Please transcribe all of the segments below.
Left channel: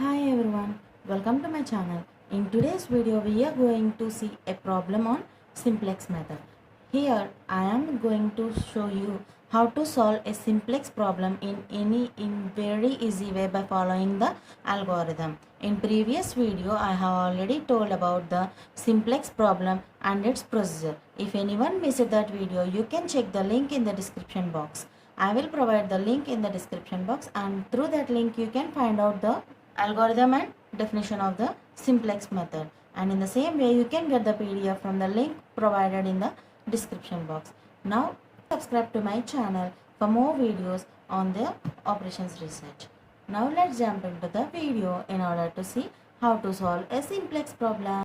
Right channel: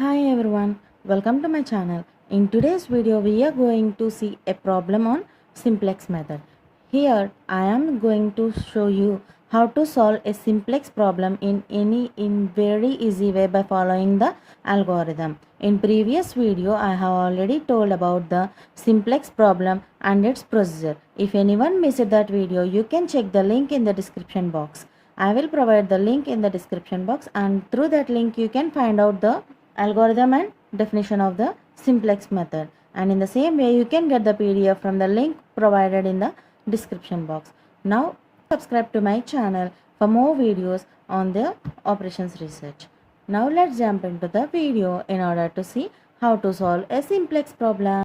Hi everyone, welcome to my channel. In today's video we are going to see a problem on simplex method. Here I am going to show you how to solve a simplex problem in very easy way by following the algorithm. In previous video I have already told about the simplex problem and its procedure. If anyone missed that video, you can check the link in the description box. I will provide the link in the description box, and through that link you can find out the algorithm and definition of the simplex method, and in the same way you can get the PDF from the link provided in the description box. Now subscribe to my channel for more videos on the operations research. Now let's jump into the video in order to see how to solve a simplex problem.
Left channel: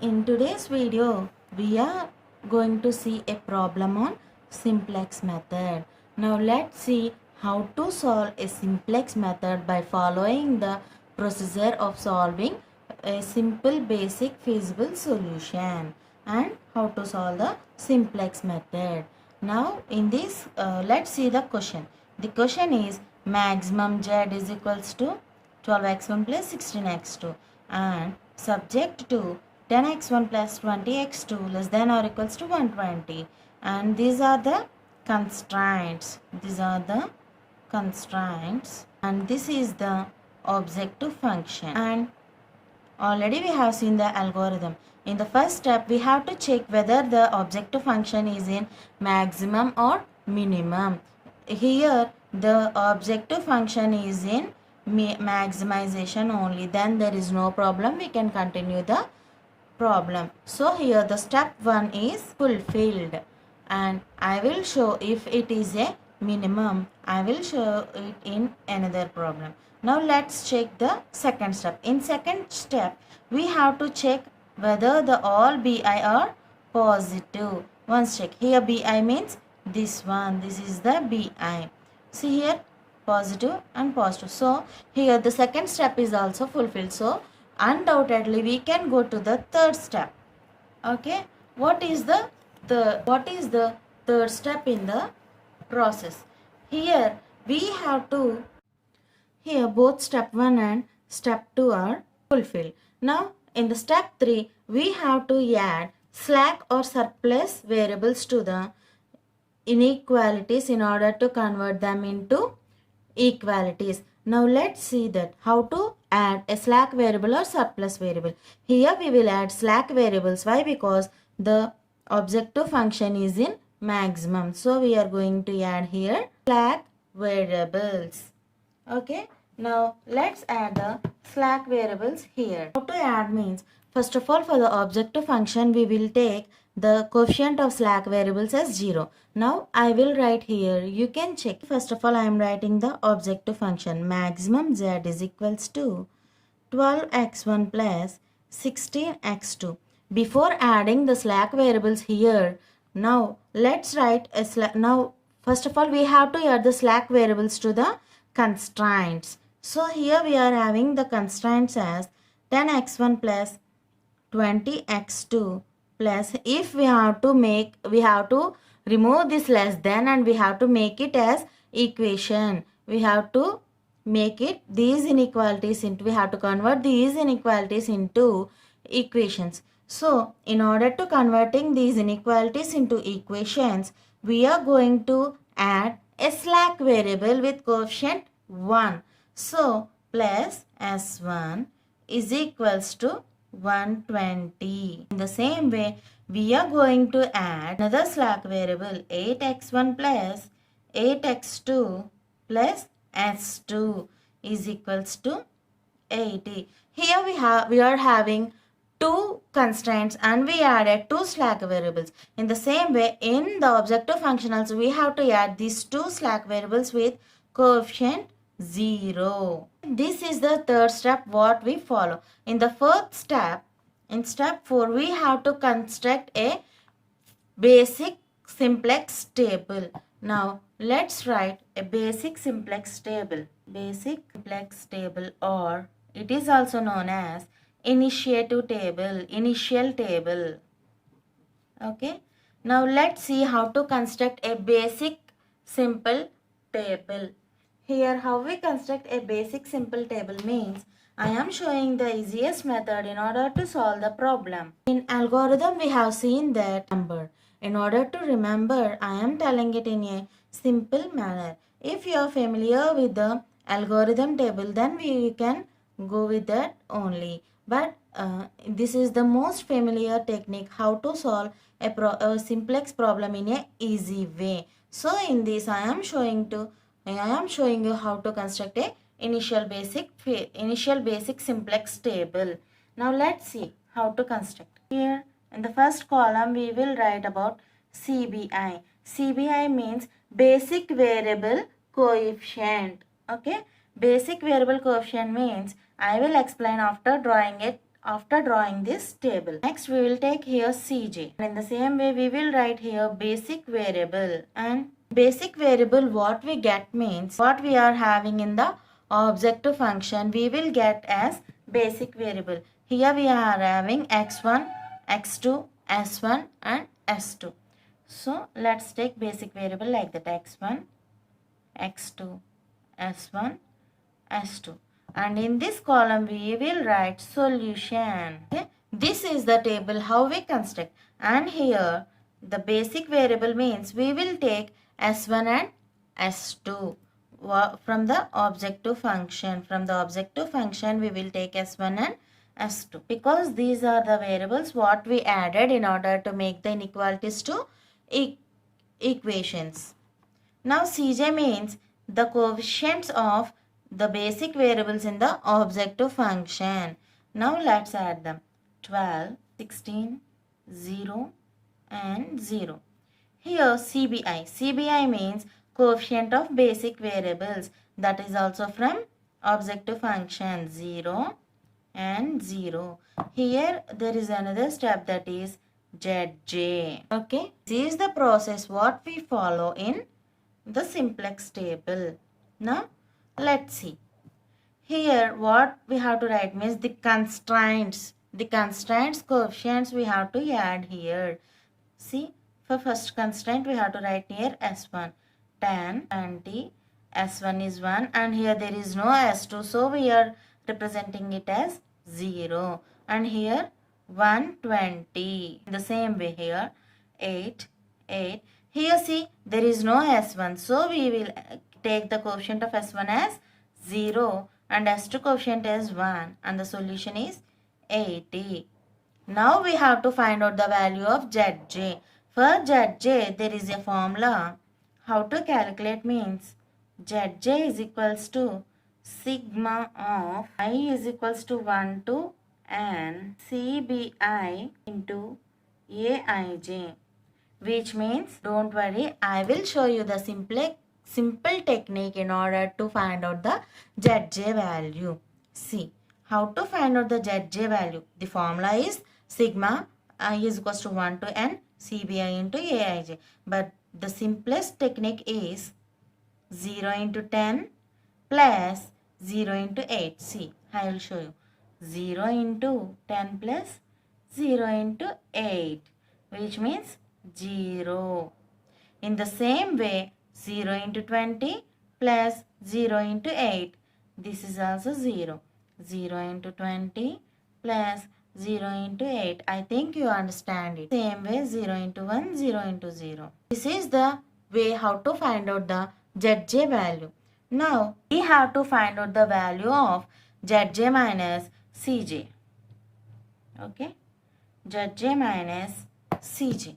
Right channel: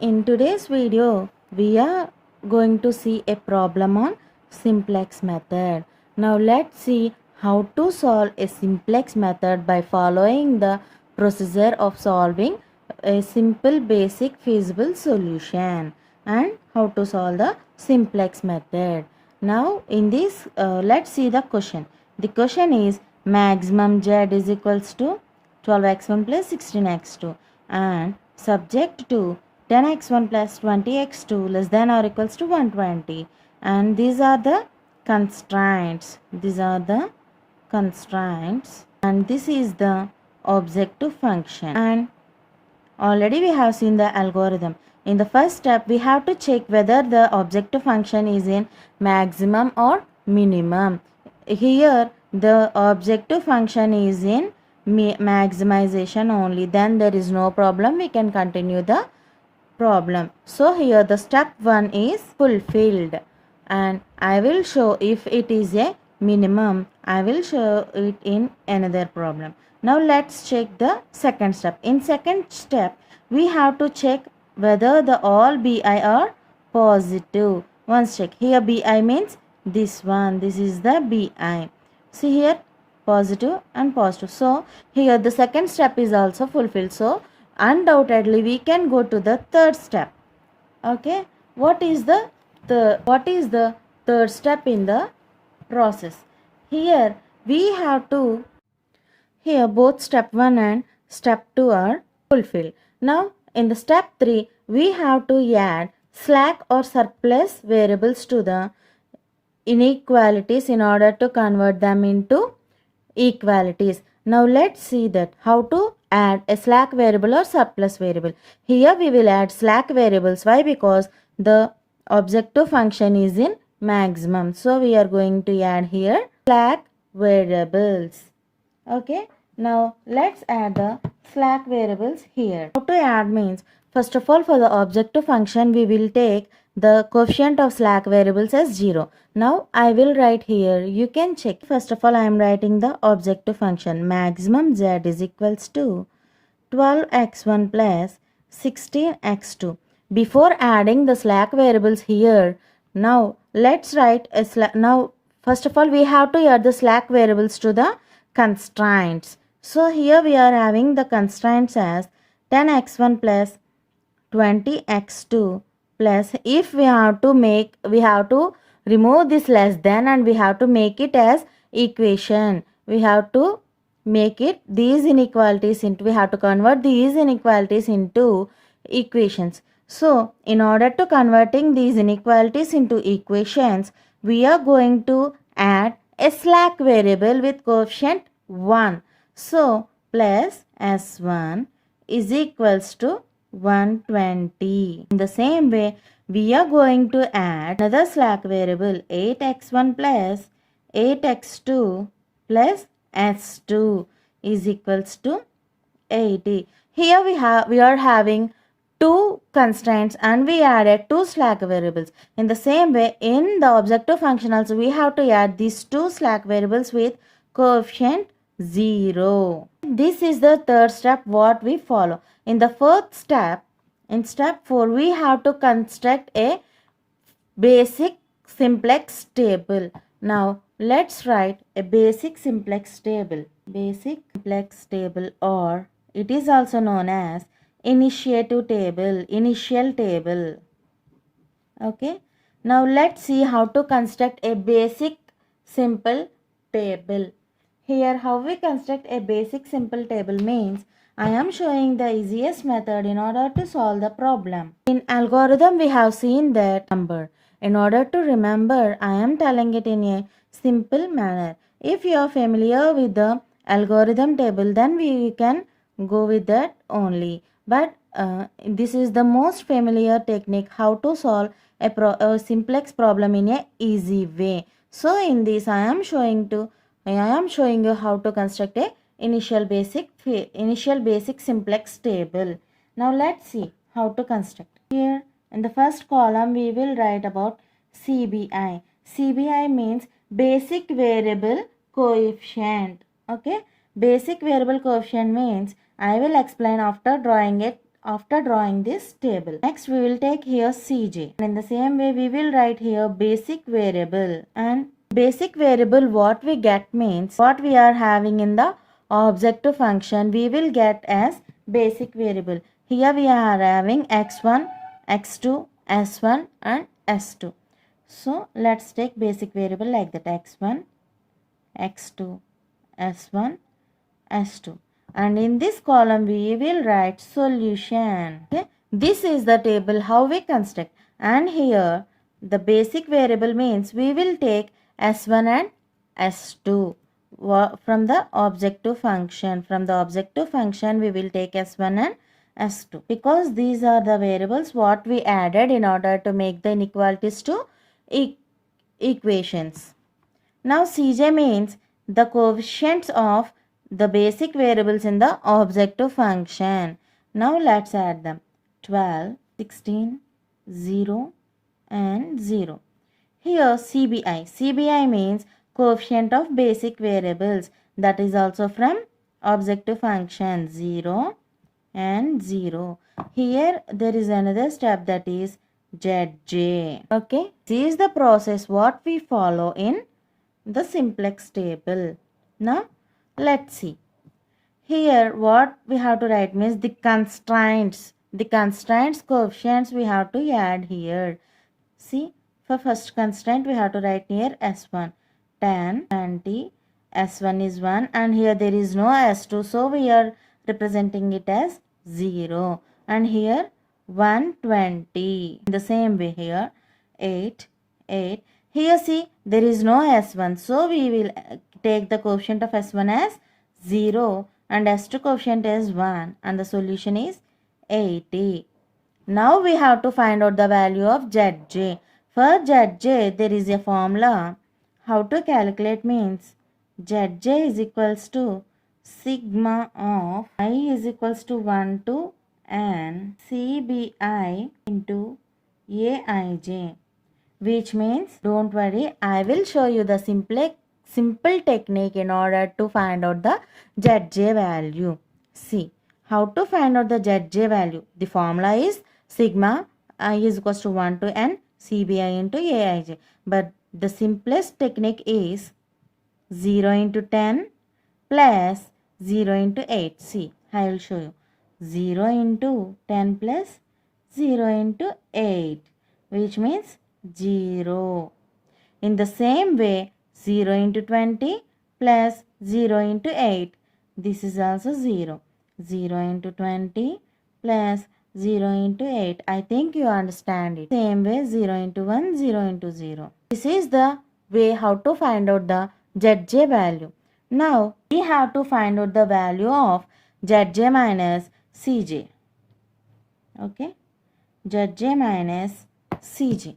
In today's video, we are going to see a problem on simplex method. Now let's see how to solve a simplex method by following the procedure of solving a simple basic feasible solution, and how to solve the simplex method. Now in this, let's see the question. The question is maximum z is equals to 12x1 plus 16x2 and subject to 10x1 plus 20x2 less than or equals to 120, and these are the constraints. And this is the objective function, and already we have seen the algorithm. In the first step we have to check whether the objective function is in maximum or minimum. Here the objective function is in maximization only, then there is no problem, we can continue the problem. So here the step 1 is fulfilled, and I will show if it is a minimum. I will show it in another problem. Now let's check the second step. In second step we have to check whether the all bi are positive. Once check, here bi means this one, this is the bi. See here, positive and positive. So here the second step is also fulfilled. So undoubtedly we can go to the third step. Okay, what is the third step in the process? Here we have to, here both step 1 and step 2 are fulfilled. Now in the step 3 we have to add slack or surplus variables to the inequalities in order to convert them into equalities. Now let's see that how to add a slack variable or surplus variable. Here we will add slack variables. Why? Because the objective function is in maximum. So we are going to add here slack variables. Okay. Now let's add the slack variables here. How to add means, first of all, for the objective function we will take the coefficient of slack variables as 0. Now I will write here, you can check. First of all I am writing the objective function maximum z is equals to 12x1 plus 16x2. Before adding the slack variables here, now let's write a slack. Now first of all we have to add the slack variables to the constraints. So here we are having the constraints as 10x1 plus 20x2 plus, if we have to remove this less than and we have to make it as equation. We have to make it these inequalities into, we have to convert these inequalities into equations. So in order to converting these inequalities into equations, we are going to add a slack variable with coefficient 1. So plus s1 is equals to 120. In the same way we are going to add another slack variable 8x1 plus 8x2 plus s2 is equals to 80. Here we are having two constraints and we added two slack variables. In the same way in the objective function also we have to add these two slack variables with coefficient 0. This is the third step what we follow. In the fourth step, in step 4 we have to construct a basic simplex table. Now let's write a basic simplex table. Basic simplex table, or it is also known as initial table. Okay, now let's see how to construct a basic simple table. Here how we construct a basic simple table means I am showing the easiest method in order to solve the problem. In algorithm we have seen that number. In order to remember, I am telling it in a simple manner. If you are familiar with the algorithm table, then we can go with that only. But this is the most familiar technique how to solve a simplex problem in a easy way. So in this I am showing you how to construct a initial basic simplex table. Now let's see how to construct. Here in the first column we will write about CBI. CBI means basic variable coefficient. Okay, basic variable coefficient means I will explain after drawing this table. Next we will take here CJ, and in the same way we will write here basic variable. And basic variable what we get means what we are having in the objective function we will get as basic variable. Here we are having x1, x2, s1 and s2. So let's take basic variable like that, x1, x2, s1, s2. And in this column we will write solution. Okay? This is the table how we construct. And here the basic variable means we will take s1 and s2 from the objective function. From the objective function we will take s1 and s2 because these are the variables what we added in order to make the inequalities to equations. Now Cj means the coefficients of the basic variables in the objective function. Now let's add them. 12, 16, 0 and 0. Here CBI means coefficient of basic variables, that is also from objective function, 0 and 0. Here there is another step, that is Zj. Okay, this is the process what we follow in the simplex table. Now let's see. Here what we have to write means the constraints coefficients we have to add here. See, for first constraint we have to write here s1, 10, 20, s1 is 1 and here there is no s2, so we are representing it as 0, and here 120. In the same way here 8. Here see there is no s1, so we will take the coefficient of s1 as 0 and s2 coefficient as 1 and the solution is 80. Now we have to find out the value of Zj. For Zj there is a formula. How to calculate means Zj is equals to sigma of I is equals to 1 to n CBI into Aij, which means don't worry, I will show you the simple technique in order to find out the Zj value. See how to find out the Zj value. The formula is sigma I is equals to 1 to n CBI into Aij, but the simplest technique is 0 into 10 plus 0 into 8. See, I will show you. 0 into 10 plus 0 into 8, which means 0. In the same way, 0 into 20 plus 0 into 8. This is also 0. 0 into 20 plus 0 into 8. I think you understand it. Same way 0 into 1, 0 into 0. This is the way how to find out the Zj value. Now we have to find out the value of Zj minus Cj. Okay, Zj minus Cj.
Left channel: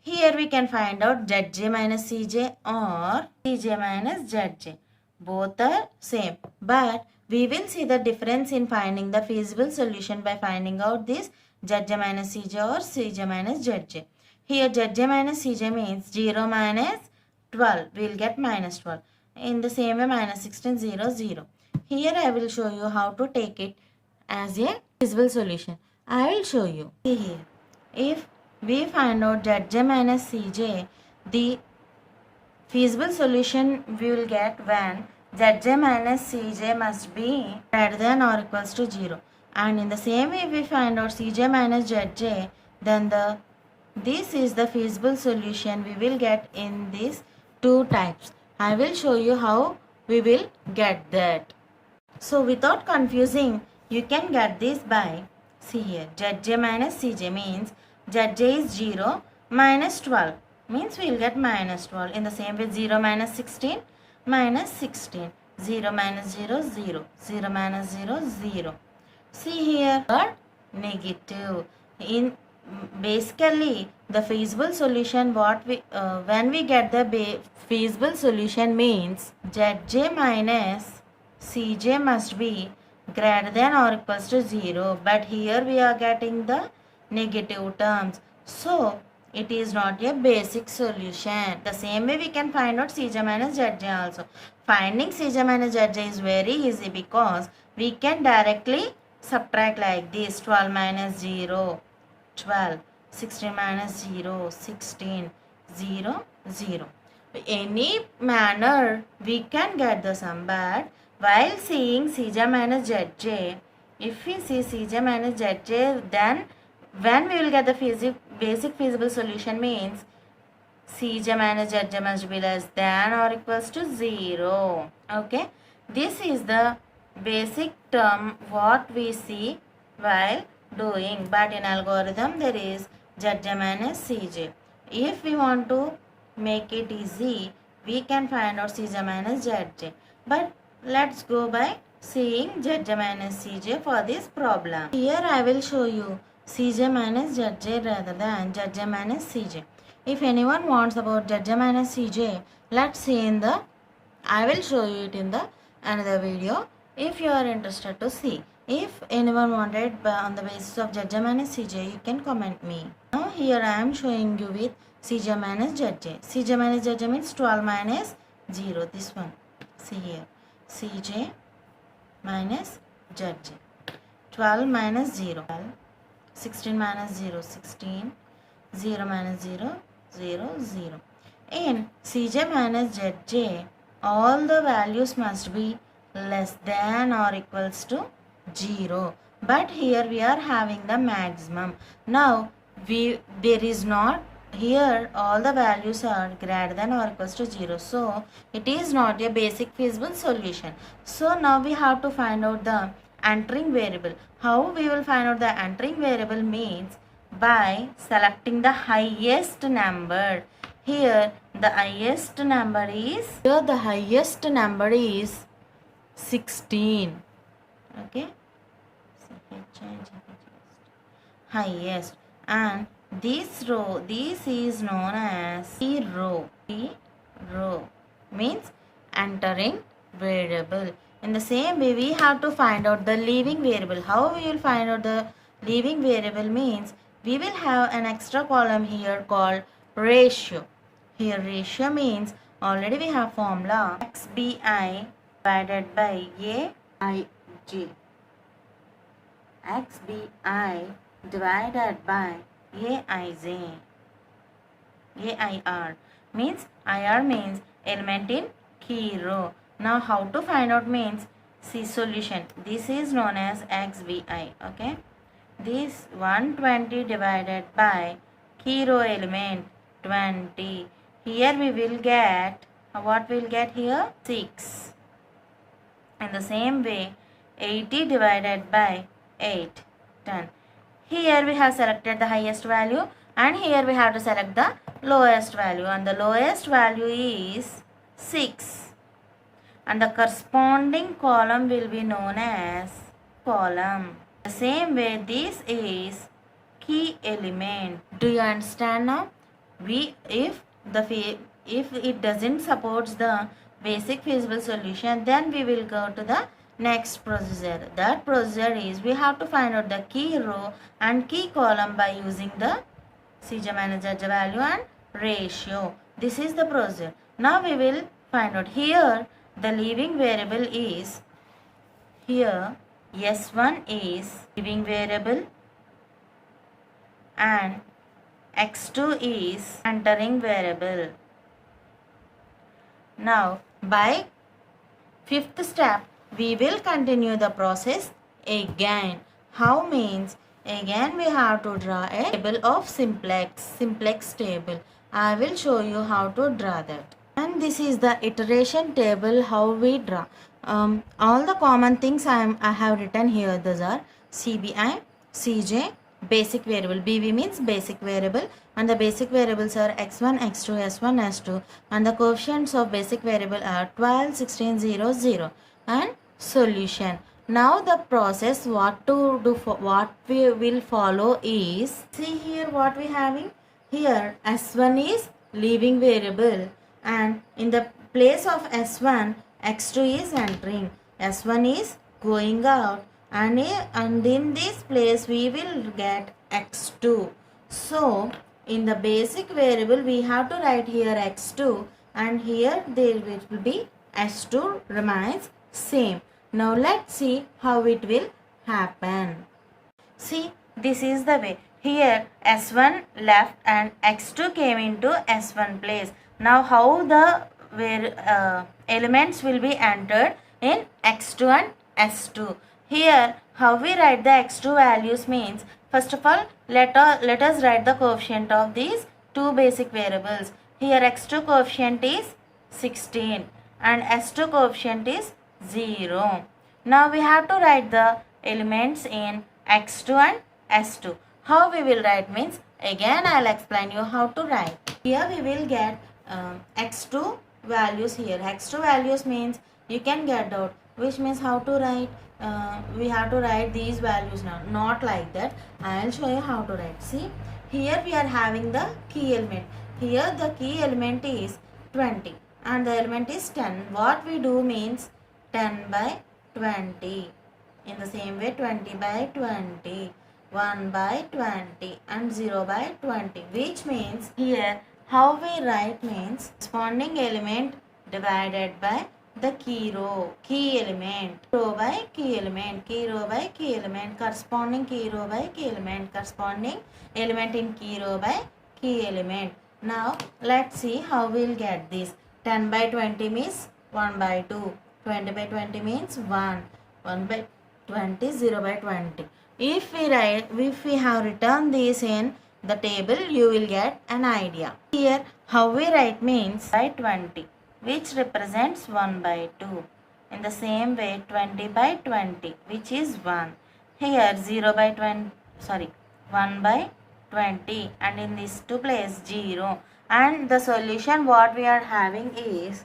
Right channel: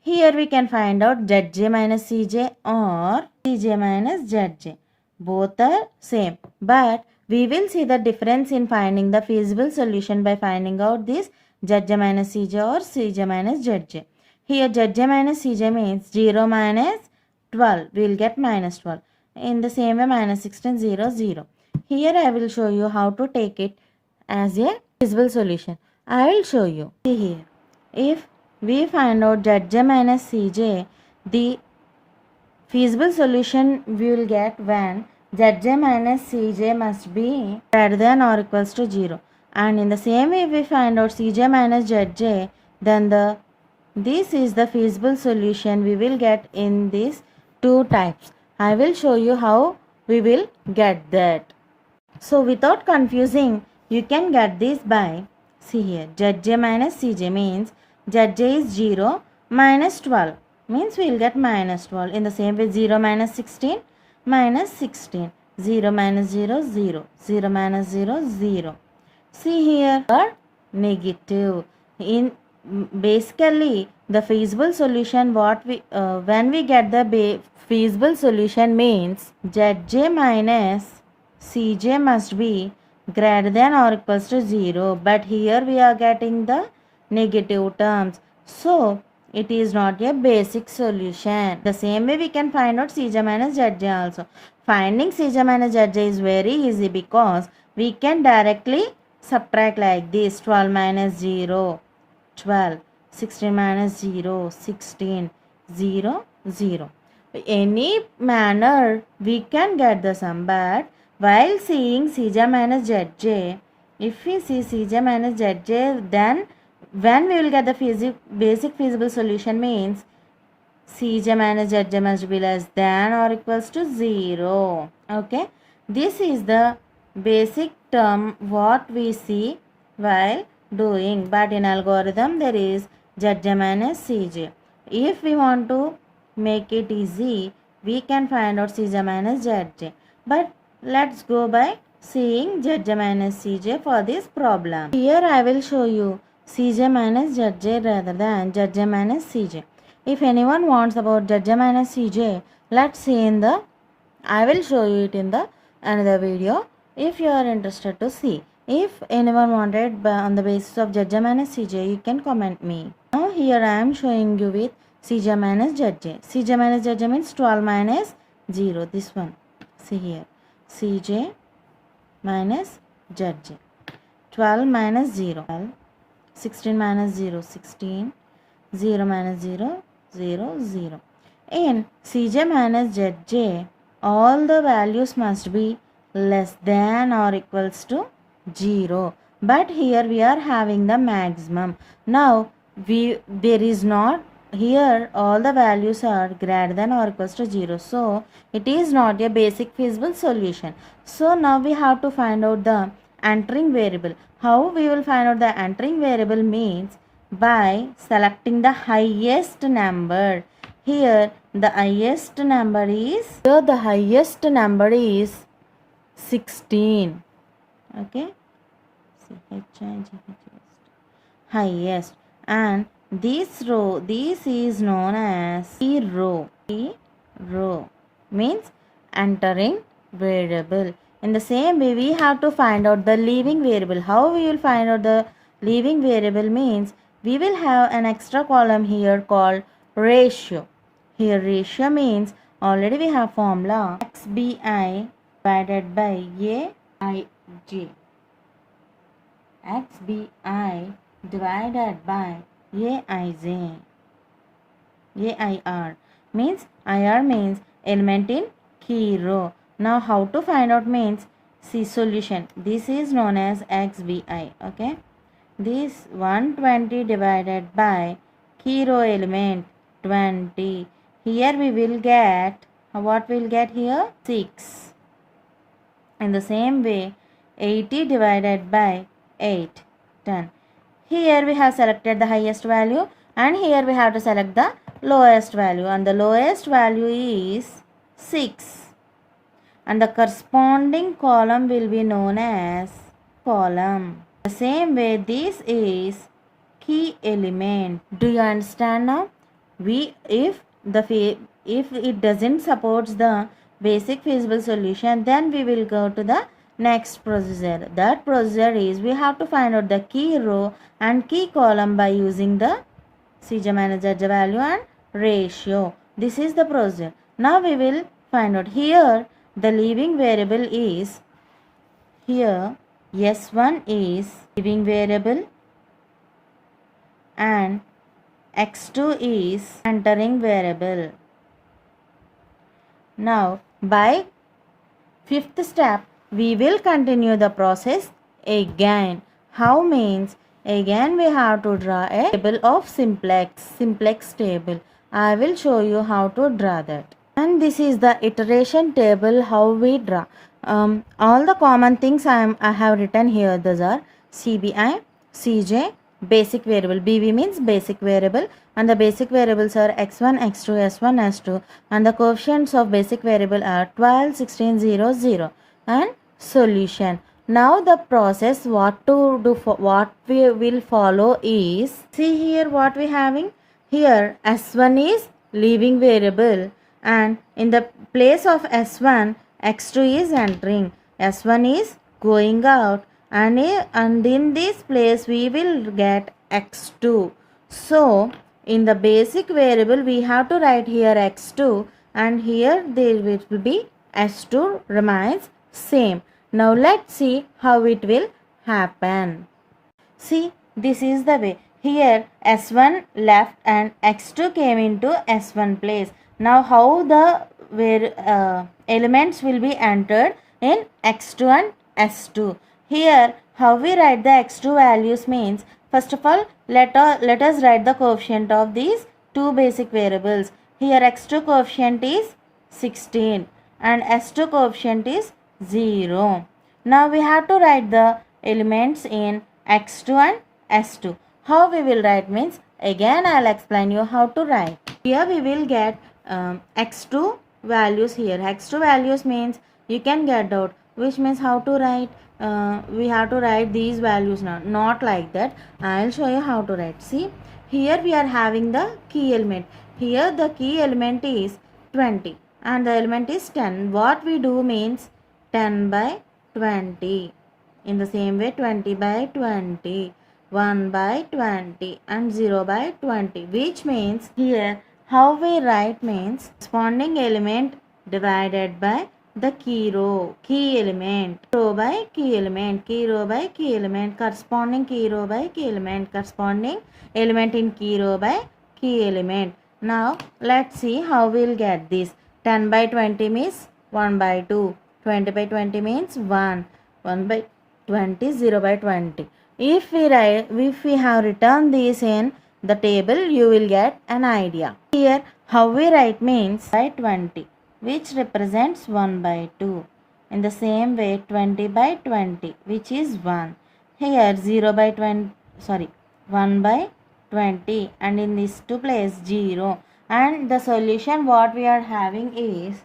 Here we can find out Zj minus Cj or Cj minus Zj. Both are same, but we will see the difference in finding the feasible solution by finding out this Zj minus Cj or Cj minus Zj. Here Zj minus Cj means 0 minus 12. We will get minus 12. In the same way minus 16, 0, 0. Here I will show you how to take it as a feasible solution. I will show you. See here. If we find out Zj minus Cj, the feasible solution we will get when Zj minus Cj must be greater than or equals to 0. And in the same way, if we find out Cj minus Zj, then this is the feasible solution we will get in these two types. I will show you how we will get that. So without confusing, you can get this by, see here, Zj minus Cj means Zj is 0 minus 12 means we will get minus 12. In the same way, 0 minus 16 minus 16. 0 minus 0, 0. 0 minus 0, 0. See here, negative. In basically the feasible solution, what we when we get the feasible solution means Zj minus Cj must be greater than or equals to 0, but here we are getting the negative terms, so it is not a basic solution. The same way we can find out Cj minus Zj also. Finding Cj minus Zj is very easy because we can directly subtract like this. 12 minus 0, 12. 16 minus 0, 16. 0, 0. Any manner we can get the sum, but while seeing Cj minus Zj, if we see Cj minus Zj, then when we will get the basic feasible solution means Cj minus Zj must be less than or equals to 0. Okay, this is the basic term what we see while doing, but in algorithm there is Zj minus Cj. If we want to make it easy, we can find out Cj minus Zj, but let's go by seeing Zj minus Cj for this problem. Here I will show you Cj minus Zj rather than Zj minus Cj. If anyone wants about Zj minus Cj, let's see in the, I will show you it in the another video if you are interested to see. If anyone wanted on the basis of Zj minus Cj, you can comment me. Now here I am showing you with Cj minus Zj. Cj minus Zj means 12 minus 0, this one. See here, Cj minus Zj. 12 minus 0, 12. 16 minus 0, 16. 0 minus 0, 0, 0. In Cj minus Zj, all the values must be less than or equals to 0. But here we are having the maximum. Now there is not, here all the values are greater than or equals to 0. So it is not a basic feasible solution. So now we have to find out the entering variable. How we will find out the entering variable means by selecting the highest number. Here the highest number is 16. Okay, highest, and this is known as key row. Key row means entering variable. In the same way, we have to find out the leaving variable. How we will find out the leaving variable means we will have an extra column here called ratio. Here ratio means already we have formula xbi divided by aij. xbi divided by aij. AIR means IR means element in key row. Now how to find out means see solution. This is known as xbi. Okay, this 120 divided by key row element 20. Here we will get, what we will get here, 6. In the same way 80 divided by 8, 10. Here we have selected the highest value and here we have to select the lowest value, and the lowest value is 6, and the corresponding column will be known as column. The same way this is key element. Do you understand now? If it doesn't support the basic feasible solution, then we will go to the next procedure. That procedure is we have to find out the key row and key column by using the Cj minus Zj value and ratio. This is the procedure. Now we will find out here the leaving variable is, here S1 is leaving variable and X2 is entering variable. Now by fifth step we will continue the process again. How means again we have to draw a table of simplex table. I will show you how to draw that. And this is the iteration table how we draw. All the common things I have written here. Those are CBI, CJ, basic variable. BV means basic variable, and the basic variables are x1, x2, s1, s2, and the coefficients of basic variable are 12, 16, 0, 0, and solution. Now the process what to do for what we will follow is, see here what we having here. S1 is leaving variable, and in the place of S1 x2 is entering, S1 is going out, and in this place we will get x2. So in the basic variable we have to write here x2, and here there will be s2 remains same. Now let's see how it will happen. See, this is the way. Here S1 left and X2 came into S1 place. Now how the elements will be entered in X2 and S2. Here how we write the X2 values means, first of all let us write the coefficient of these two basic variables. Here X2 coefficient is 16 and S2 coefficient is 0. Now we have to write the elements in x2 and s2. How we will write means, again I will explain you how to write. Here we will get x2 values here. x2 values means you can get out, which means how to write. We have to write these values now, not like that. I will show you how to write. See, here we are having the key element. Here the key element is 20 and the element is 10. What we do means 10 by 20. In the same way 20 by 20, 1 by 20 and 0 by 20, which means here how we write means corresponding element divided by the key row, key element, row by key element, key row by key element, corresponding key row by key element, corresponding element in key row by key element. Now let's see how we'll get this. 10 by 20 means 1 by 2, 20 by 20 means 1, 1 by 20, 0 by 20. If we have written this in the table, you will get an idea. Here how we write means by 20, which represents 1 by 2. In the same way 20 by 20, which is 1. Here 0 by 20, 1 by 20, and in this two place 0. And the solution what we are having is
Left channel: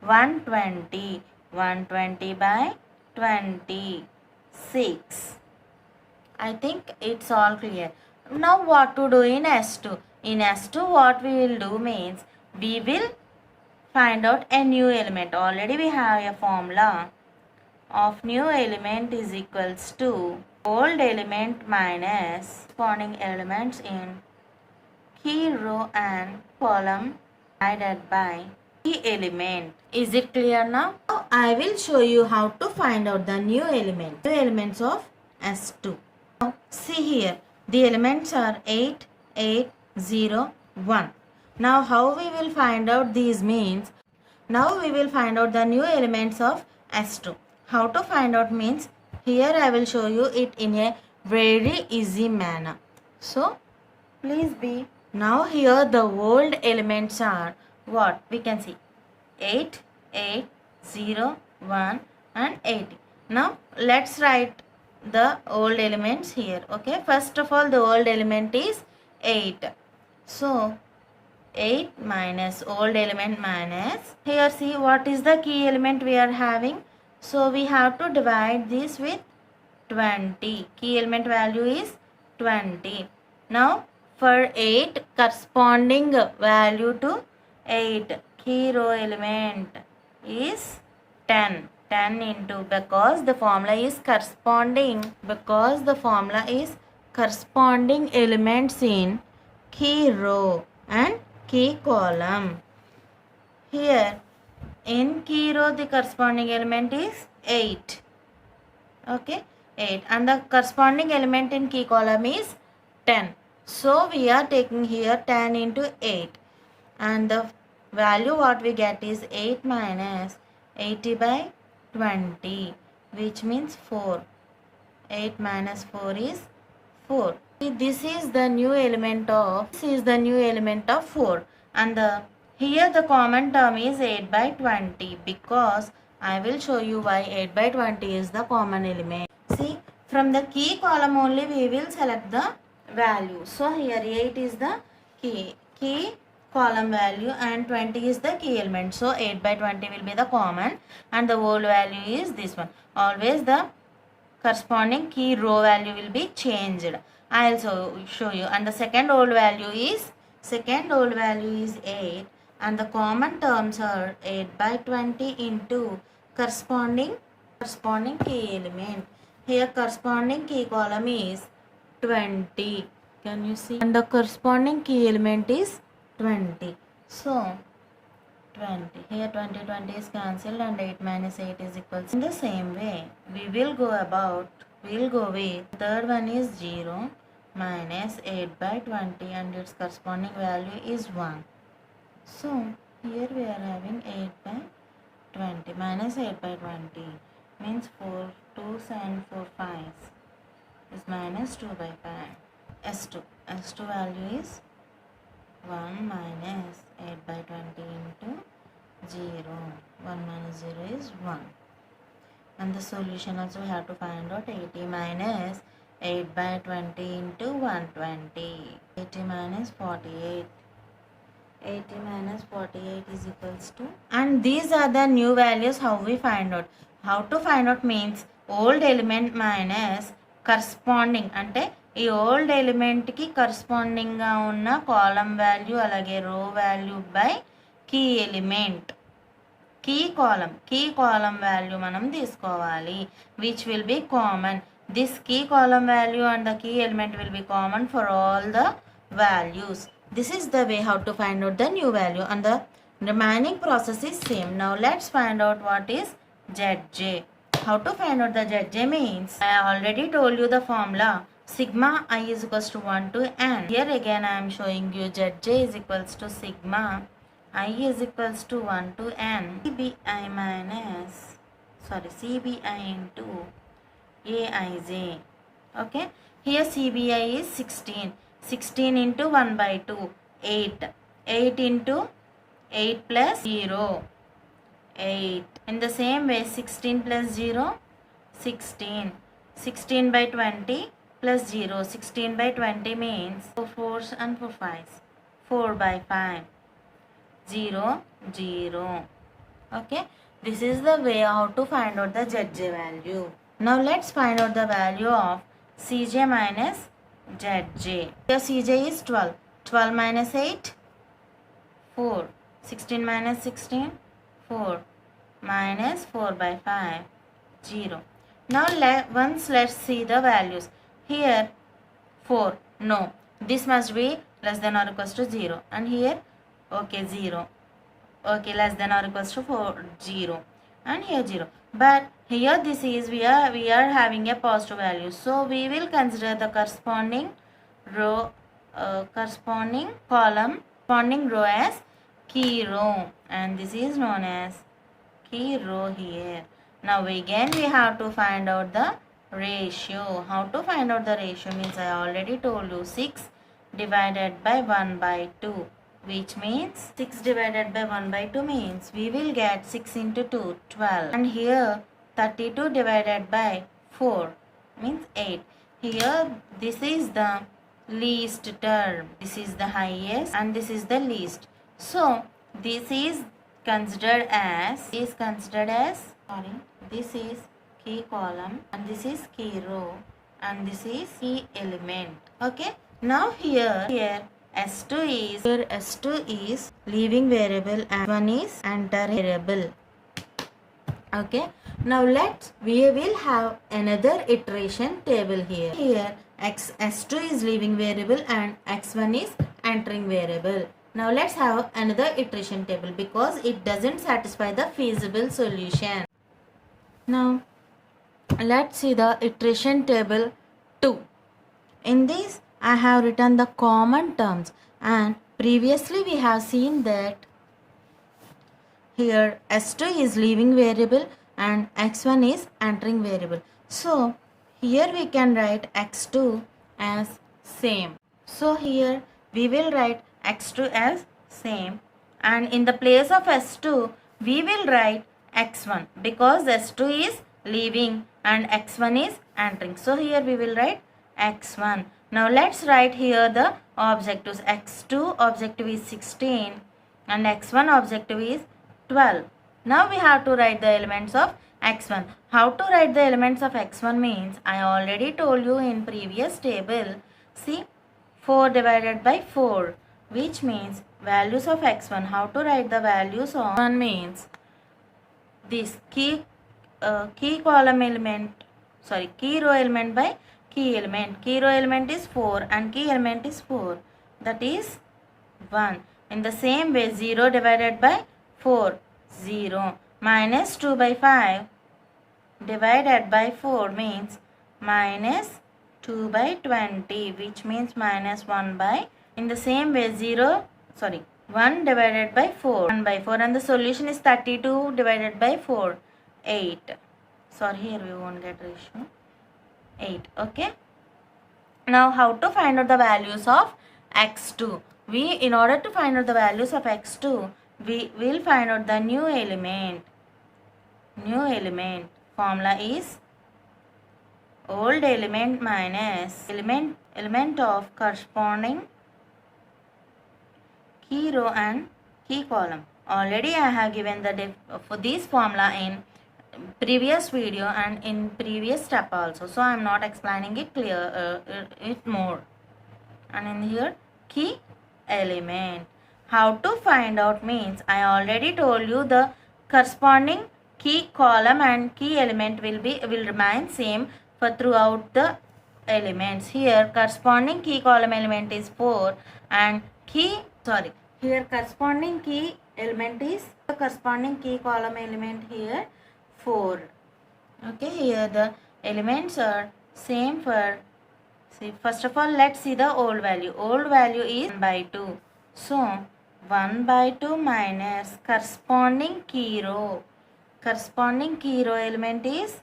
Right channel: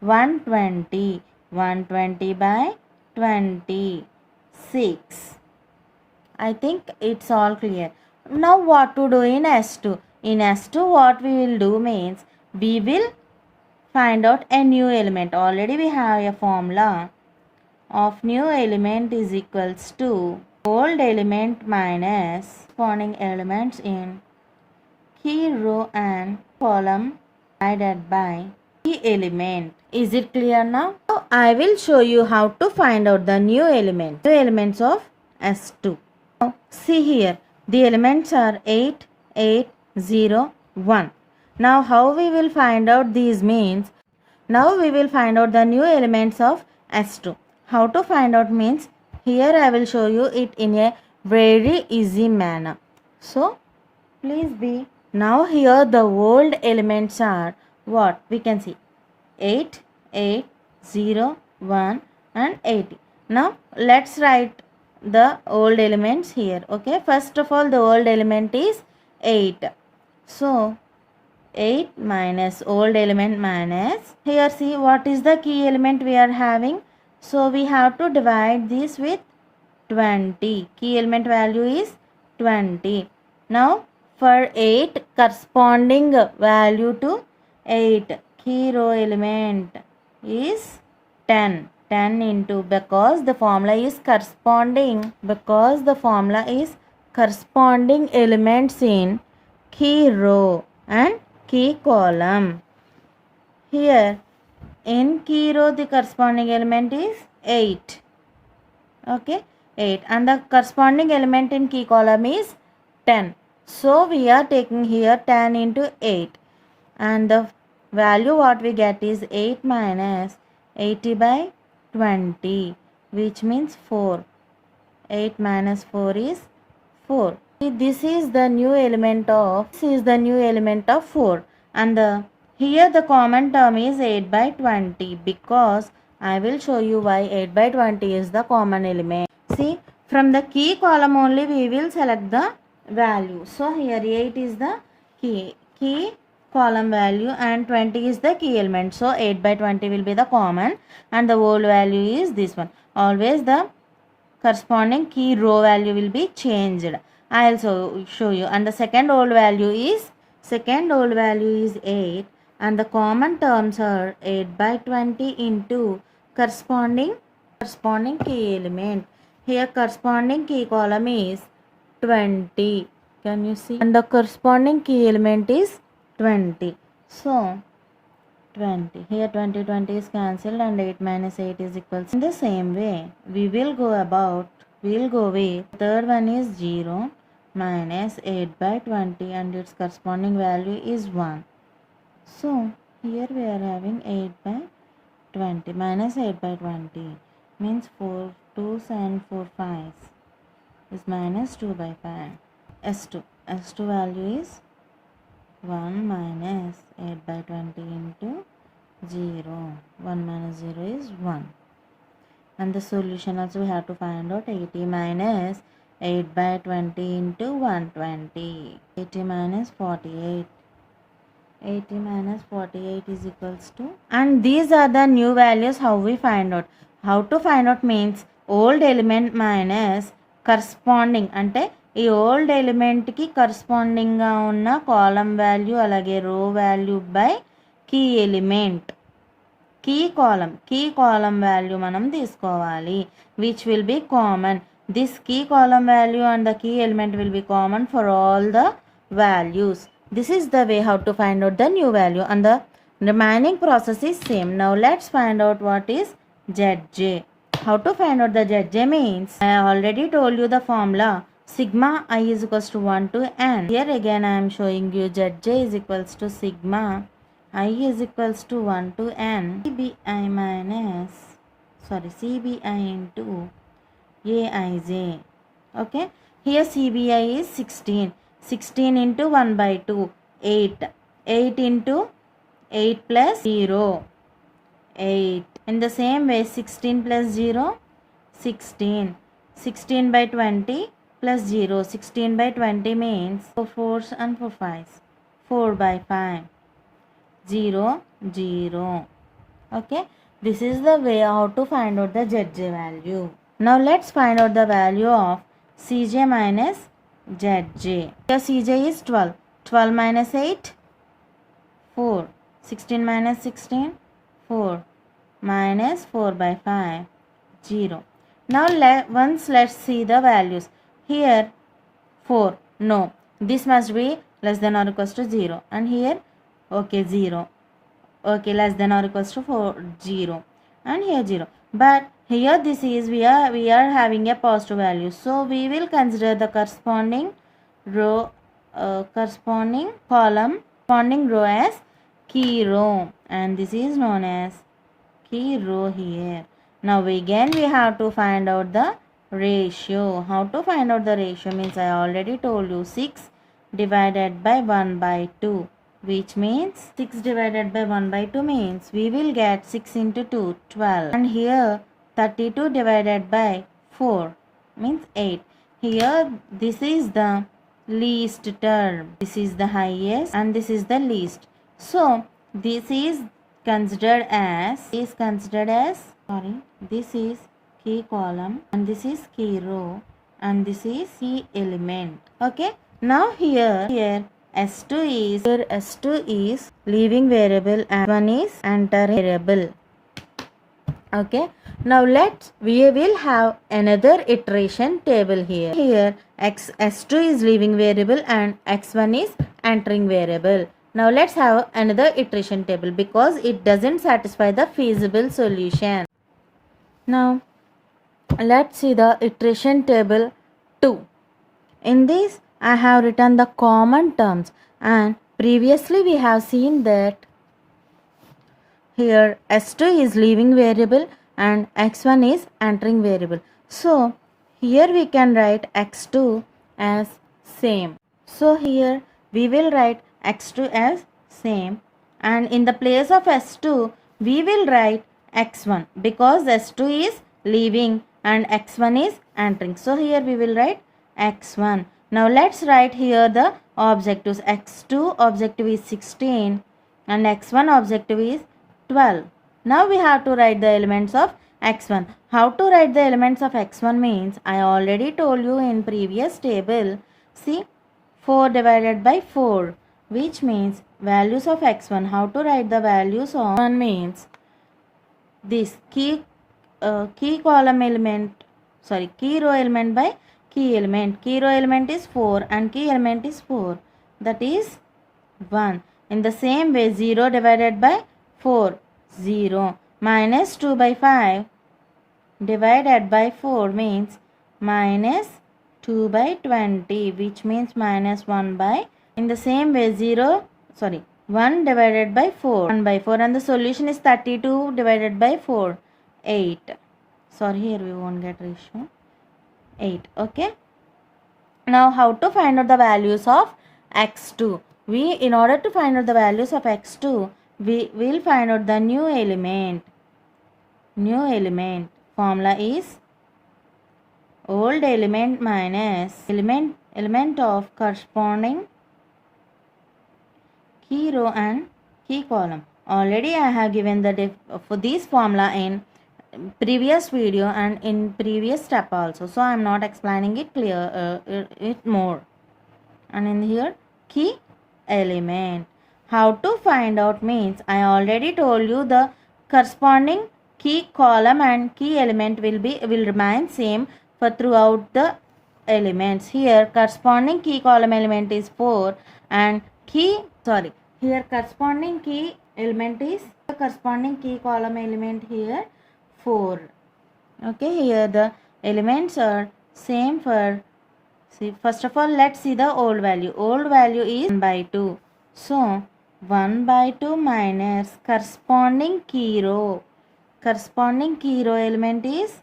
120. 120 by 26. I think it's all clear. Now what to do in S2? In S2 what we will do means, we will find out a new element. Already we have a formula of new element is equals to old element minus corresponding elements in key row and column divided by key element. Is it clear now? Now I will show you how to find out the new elements of S2. Now see here, the elements are 8, 8, 0, 1. Now how we will find out these means, now we will find out the new elements of S2. How to find out means, here I will show you it in a very easy manner. So please be. Now here the old elements are what? We can see 8, 8, 0, 1 and 80. Now let's write the old elements here. Okay, first of all the old element is 8. So 8 minus old element minus, here see what is the key element we are having. So we have to divide this with 20. Key element value is 20. Now for 8 corresponding value to 8 key row element is 10. 10 into, because the formula is corresponding elements in key row and key column. Here in key row the corresponding element is 8. Okay, 8, and the corresponding element in key column is 10. So we are taking here 10 into 8, and the value what we get is 8 minus 80 by 20, which means 4. 8 minus 4 is 4. This is the new element of 4, and here the common term is 8 by 20, because I will show you why 8 by 20 is the common element. See, from the key column only we will select the value. So here 8 is the key column value and 20 is the key element. So 8 by 20 will be the common, and the old value is this one. Always the corresponding key row value will be changed. I also show you. And the second old value is 8, and the common terms are 8 by 20 into corresponding key element. Here corresponding key column is 20. Can you see? And the corresponding key element is 20. So 20. Here 20 is cancelled, and 8 minus 8 is equals. In the same way, we will go with third one is 0 minus 8 by 20, and its corresponding value is 1. So here we are having 8 by 20 minus 8 by 20 means 4 2s and 4 5s is minus 2 by 5. S2 value is 1 minus 8 by 20 into 0. 1 minus 0 is 1. And the solution also we have to find out. 80 minus 8 by 20 into 120. 80 minus 48. 80 minus 48 is equals to. And these are the new values. How we find out? How to find out means old element minus corresponding. అంటే ఈ old ఎలిమెంట్కి కరస్పాండింగ్గా ఉన్న కాలం value అలాగే row value by key element. Key column value మనం తీసుకోవాలి, which will be common. This key column value and the key element will be common for all the values. This is the way how to find out the new value, and the remaining process is same. Now let's find out what is Zj. How to find out the Zj means, I already told you the formula. Sigma I is equals to 1 to n. Here again I am showing you Zj is equals to sigma I is equals to 1 to n cbi into aij. Okay, here cbi is 16 into 1 by 2 8 into 8 plus 0 8. In the same way 16 plus 0 16 by 20 plus 0. 16 by 20 means 4 4s and 4 5s. 4 by 5 0 0. Okay, this is the way how to find out the Zj value. Now let's find out the value of Cj minus Zj. Here Cj is 12. 12 minus 8 4. 16 minus 16 4 minus 4 by 5 0. Now let's see the values. Here 4, no, this must be less than or equals to 0, and here okay 0, okay, less than or equals to 4 0, and here 0. But here this is we are having a positive value, so we will consider the corresponding row, corresponding column, corresponding row as key row, and this is known as key row here. Now again we have to find out the ratio. How to find out the ratio means I already told you 6 divided by 1 by 2, which means 6 divided by 1 by 2 means we will get 6 into 2 12, and here 32 divided by 4 means 8. Here this is the least term, this is the highest, and this is the least. So this is considered as this is key column, and this is key row, and this is key element. Okay, now here S2 is leaving variable and one is entering variable. Okay, now we will have another iteration table here. S2 is leaving variable and x1 is entering variable. Now let's have another iteration table because it doesn't satisfy the feasible solution. Now let's see the iteration table 2. In this I have written the common terms, and previously we have seen that here S2 is leaving variable and x1 is entering variable. So Here we can write x2 as same. So here we will write x2 as same, and in the place of s2 we will write x1 because s2 is leaving and x1 is entering. So here we will write x1. Now let's write here the objectives. x2 objective is 16 and x1 objective is 12. Now we have to write the elements of x1. How to write the elements of x1 means I already told you in previous table. See, 4 divided by 4, which means values of x1. How to write the values of 1 means this key column element, key row element by key element. Key row element is 4 and key element is 4, that is 1. In the same way, 0 divided by 4, 0. Minus 2 by 5 divided by 4 means minus 2 by 20, which means minus 1 by. In the same way, 1 divided by 4, 1 by 4, and the solution is 32 divided by 4, 8. Sorry, here we won't get ratio, 8. Okay. Now how to find out the values of x2? In order to find out the values of x2, we will find out the new element. New element formula is old element minus element of corresponding key row and key column. Already I have given the for this formula in previous video and in previous step also, so I am not explaining it it more. And in here, key element. How to find out means I already told you the corresponding key column and key element will remain same for throughout the elements. Here corresponding key column element is 4 and here corresponding key element is corresponding key column element here 4. Okay, here the elements are same for. See, first of all, let's see the old value. Old value is 1 by 2. So, 1 by 2 minus corresponding key row. Corresponding key row element is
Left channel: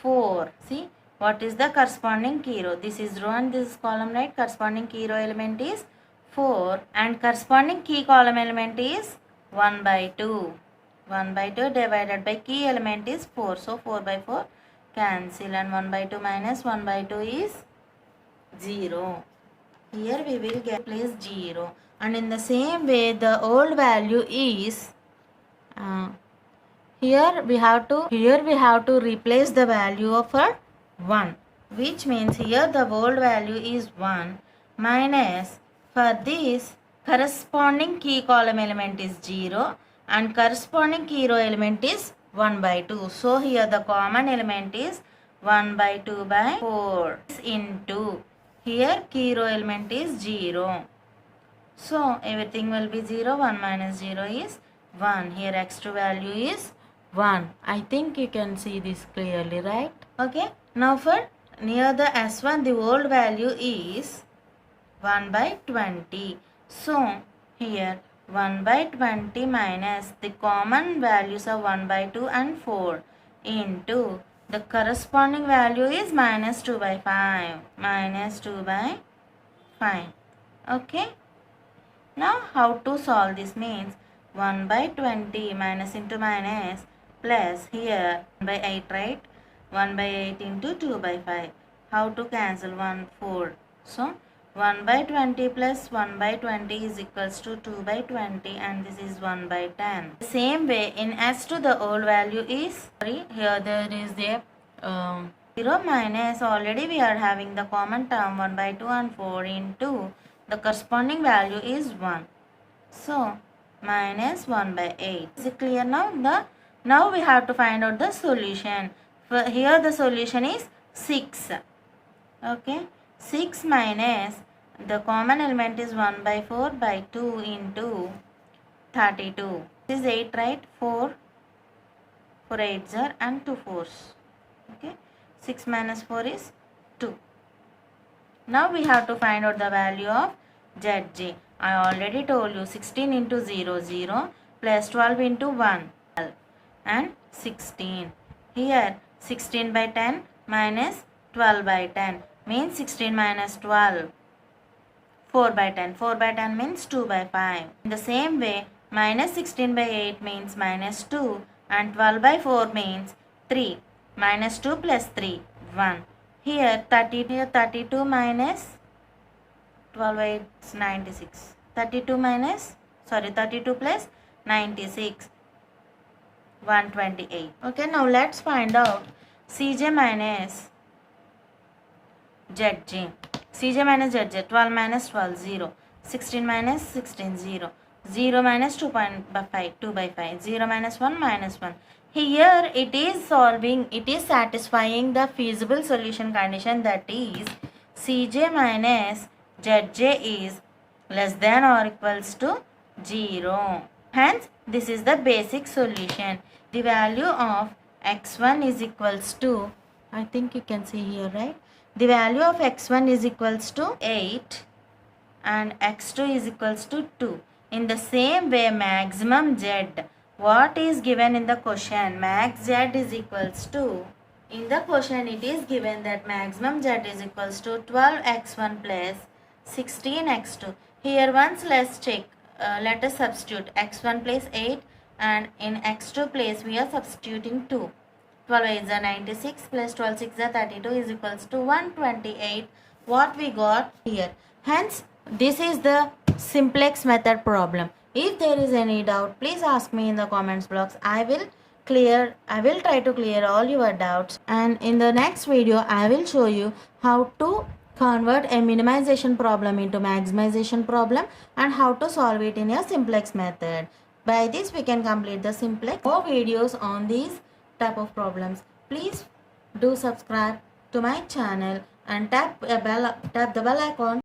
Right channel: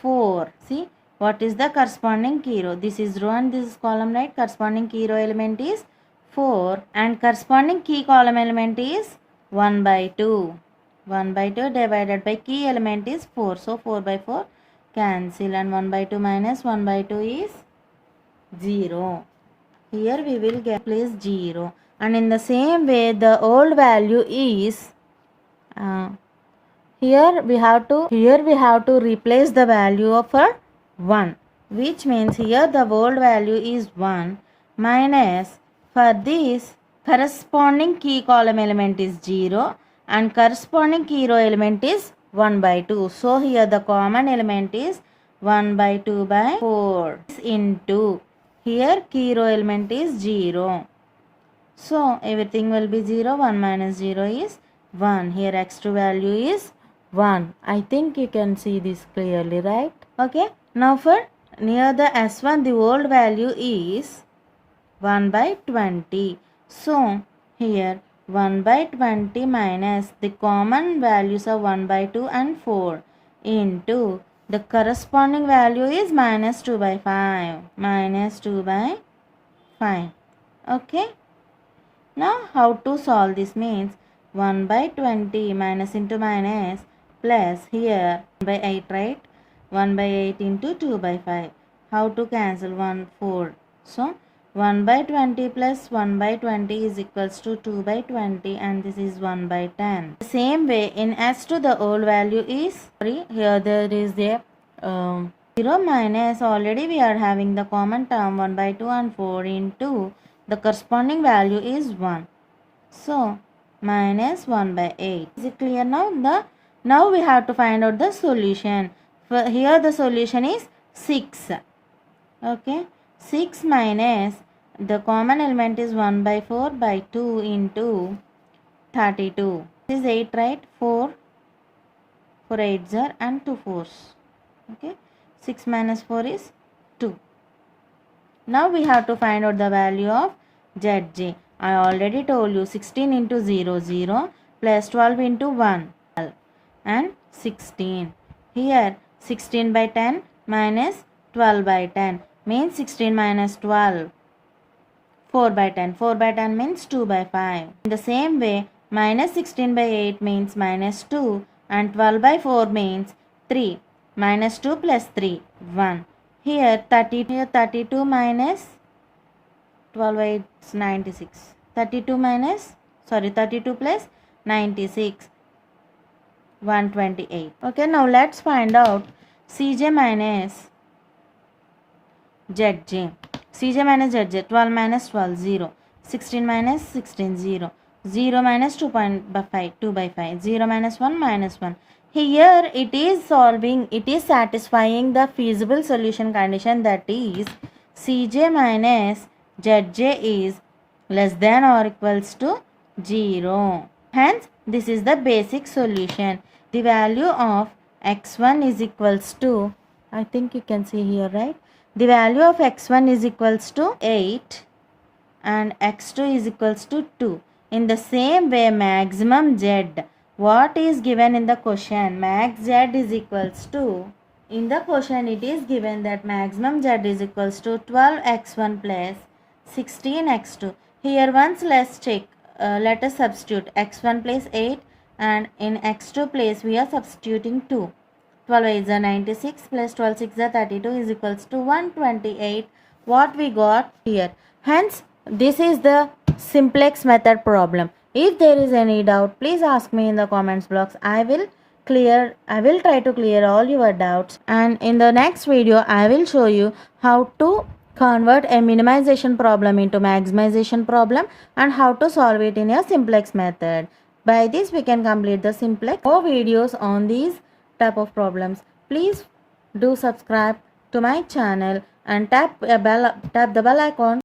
4. See, what is the corresponding key row? This is row and this is column, right? Corresponding key row element is 4 and corresponding key column element is 1 by 2. 1 by 2 divided by key element is 4. So, 4 by 4 cancel and 1 by 2 minus 1 by 2 is 0. Here we will get place 0. And in the same way, the old value is here we have to replace the value of 1, which means here the old value is 1 minus, for this corresponding key column element is 0 and corresponding key row element is 1 by 2. So here the common element is 1 by 2 by 4 into, here key row element is 0. So everything will be 0. 1 minus 0 is 1. Here x2 value is 1. I think you can see this clearly, right? Okay. Now for near the S1, the old value is 1 by 20. So here 1 by 20 minus the common values of 1 by 2 and 4 into the corresponding value is minus 2 by 5. Minus 2 by 5. Okay. Now how to solve this means 1 by 20 minus into minus plus here 1 by 8, right? 1 by 8 into 2 by 5. How to cancel 1, 4. So 1 by 20 plus 1 by 20 is equals to 2 by 20 and this is 1 by 10. Same way in S2 the old value is, here there is the 0 minus, already we are having the common term 1 by 2 and 4 into the corresponding value is 1. So minus 1 by 8. Is it clear now? Now we have to find out the solution. For here the solution is 6. Okay. 6 minus the common element is 1 by 4 by 2 into 32. This is 8, right? 4 8s are and 2 4s. Okay. 6 minus 4 is 2. Now we have to find out the value of Zj. I already told you 16 into 0 0 plus 12 into 1 12 and 16. Here 16 by 10 minus 12 by 10 means 16 minus 12. 4 by 10. 4 by 10 means 2 by 5. In the same way, minus 16 by 8 means minus 2 and 12 by 4 means 3. Minus 2 plus 3, 1. Here 32 minus 12 by 8 is 96. 32 plus 96, 128. Okay, now let's find out Cj minus Zj. Cj minus Zj, 12 minus 12, 0. 16 minus 16, 0. 0 minus 2 by 5, 2 by 5. 0 minus 1, minus 1. Here it is satisfying the feasible solution condition, that is Cj minus Zj is less than or equals to 0. Hence, this is the basic solution. The value of x1 is equals to, I think you can see here, right? The value of x1 is equals to 8 and x2 is equals to 2. In the same way, maximum z, what is given in the question? Max z is equals to, in the question it is given that maximum z is equals to 12x1 plus 16x2. Here once let's check, let us substitute x1 place 8 and in x2 place we are substituting 2. 12 is 96 plus 12 6 is 32 is equals to 128. What we got here. Hence, this is the simplex method problem. If there is any doubt, please ask me in the comments box. I will try to clear all your doubts, and in the next video I will show you how to convert a minimization problem into maximization problem and how to solve it in a simplex method. By this we can complete the simplex. More videos on these type of problems. Please do subscribe to my channel and tap the bell icon